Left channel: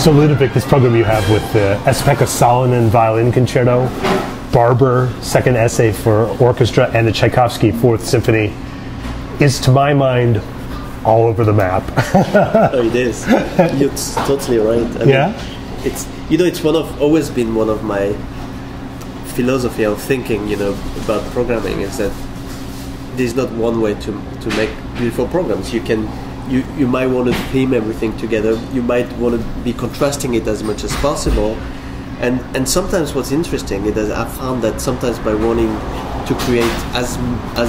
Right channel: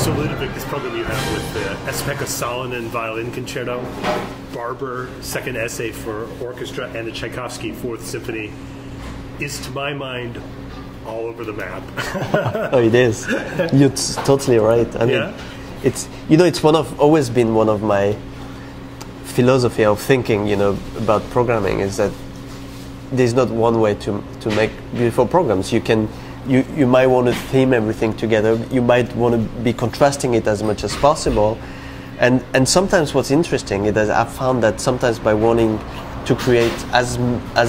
So Ludovic, this program you have with the Esa-Pekka Salonen Violin Concerto, Barber, second essay for orchestra, and the Tchaikovsky Fourth Symphony is, to my mind, all over the map. Oh, it is. You're totally right. I yeah? mean, it's always been one of my philosophy of thinking, about programming, is that there's not one way to make beautiful programs. You might want to theme everything together. You might want to be contrasting it as much as possible. And sometimes what's interesting is that I've found that sometimes by wanting to create as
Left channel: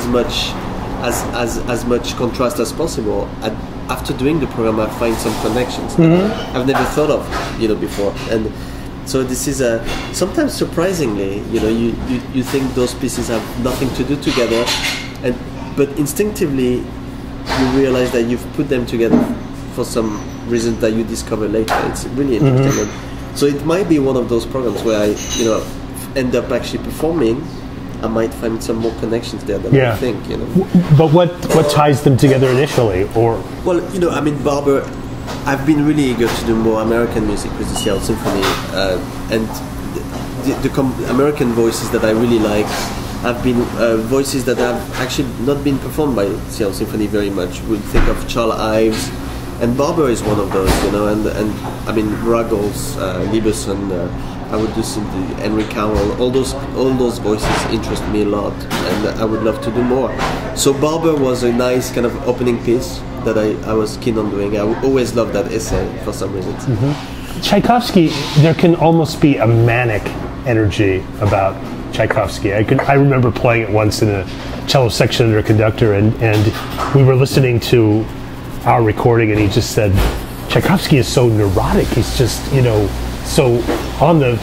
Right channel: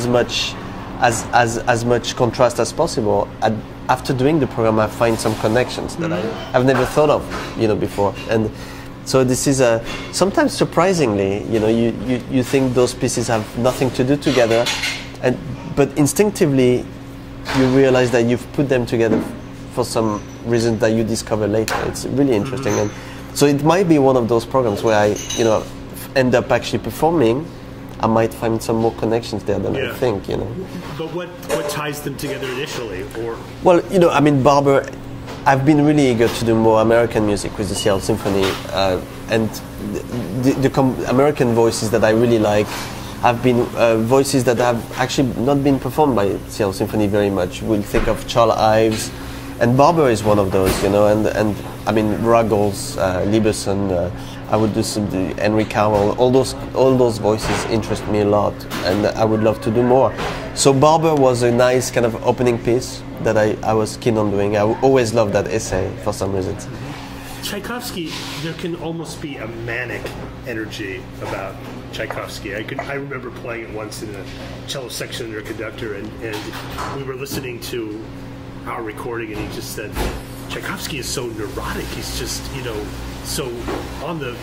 much contrast as possible, after doing the program, I find some connections that I've never thought of, before. And so this is sometimes surprisingly, you think those pieces have nothing to do together, but instinctively you realize that you've put them together for some reason that you discover later. It's really interesting. And so it might be one of those programs where I, end up actually performing. I might find some more connections there than I think. But what ties them together initially, or? Well, Barber. I've been really eager to do more American music with the Fourth Symphony, and the American voices that I really like have been voices that have actually not been performed by Fourth Symphony very much. We think of Charles Ives, and Barber is one of those, and I mean Ruggles, Lieberson. I would do some Henry Cowell. All those voices interest me a lot, and I would love to do more. So Barber was a nice kind of opening piece that I was keen on doing. I always loved that essay for some reasons. Tchaikovsky, there can almost be a manic energy about Tchaikovsky. I remember playing it once in a cello section under Conductor, and we were listening to our recording, and he just said, Tchaikovsky is so neurotic. He's just, so on the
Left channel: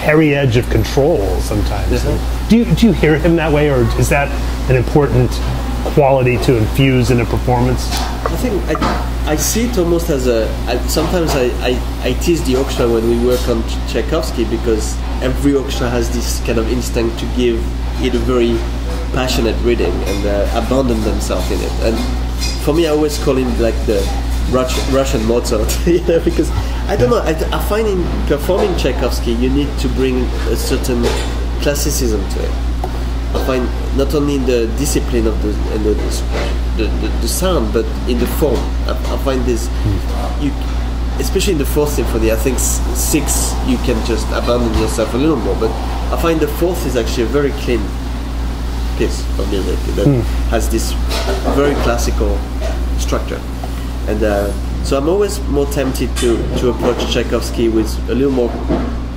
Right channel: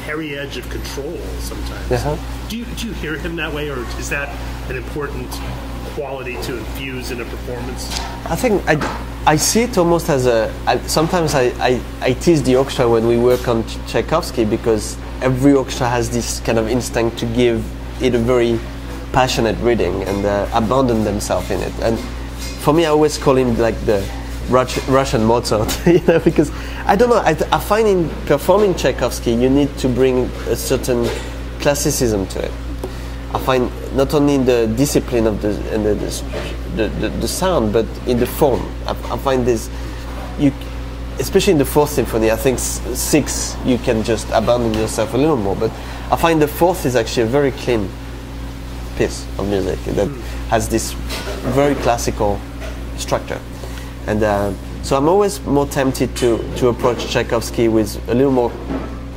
hairy edge of control sometimes. Do you hear him that way, or is that an important quality to infuse in a performance? I think I see it almost as sometimes I tease the orchestra when we work on Tchaikovsky, because every orchestra has this kind of instinct to give it a very passionate reading and abandon themselves in it. And for me, I always call him like the Russian Mozart, because I don't know. I find in performing Tchaikovsky, you need to bring a certain classicism to it. I find not only in the discipline of the sound, but in the form. I find this, especially in the Fourth Symphony, I think 6 you can just abandon yourself a little more, but I find the Fourth is actually a very clean piece of music that has this very classical structure. And so I'm always more tempted to approach Tchaikovsky with a little more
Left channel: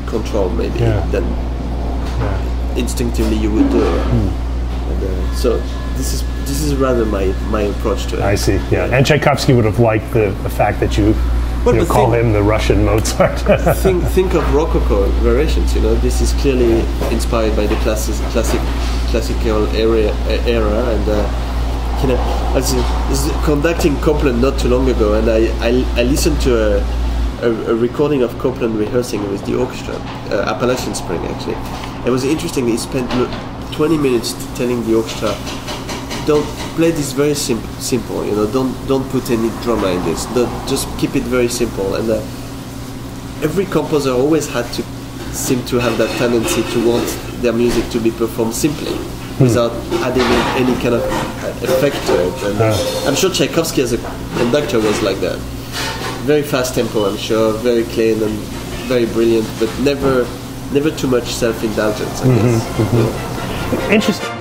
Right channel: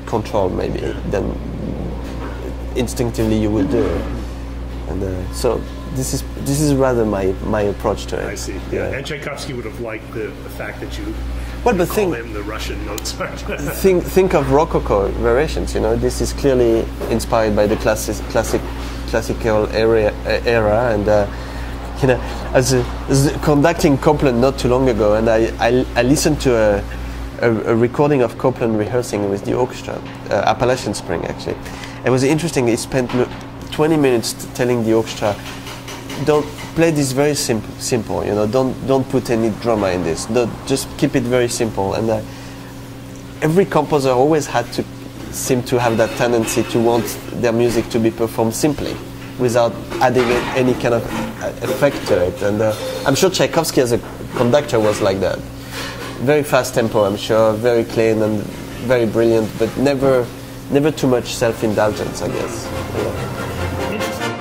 control, maybe, than instinctively you would do. And, so this is rather my approach to it. I see. Yeah, and Tchaikovsky would have liked the fact that you call him the Russian Mozart. think of Rococo variations. This is clearly inspired by the classical era, and. I was conducting Copland not too long ago, and I listened to a recording of Copland rehearsing with the orchestra, Appalachian Spring actually. It was interesting. He spent 20 minutes telling the orchestra, don't play this very simple. Don't put any drama in this. Just keep it very simple. And every composer always had to seem to have that tendency to want their music to be performed simply, without adding any kind of effect to it. And I'm sure Tchaikovsky as a conductor was like that. Very fast tempo, I'm sure, very clean and very brilliant, but never too much self-indulgence, I guess. Interesting.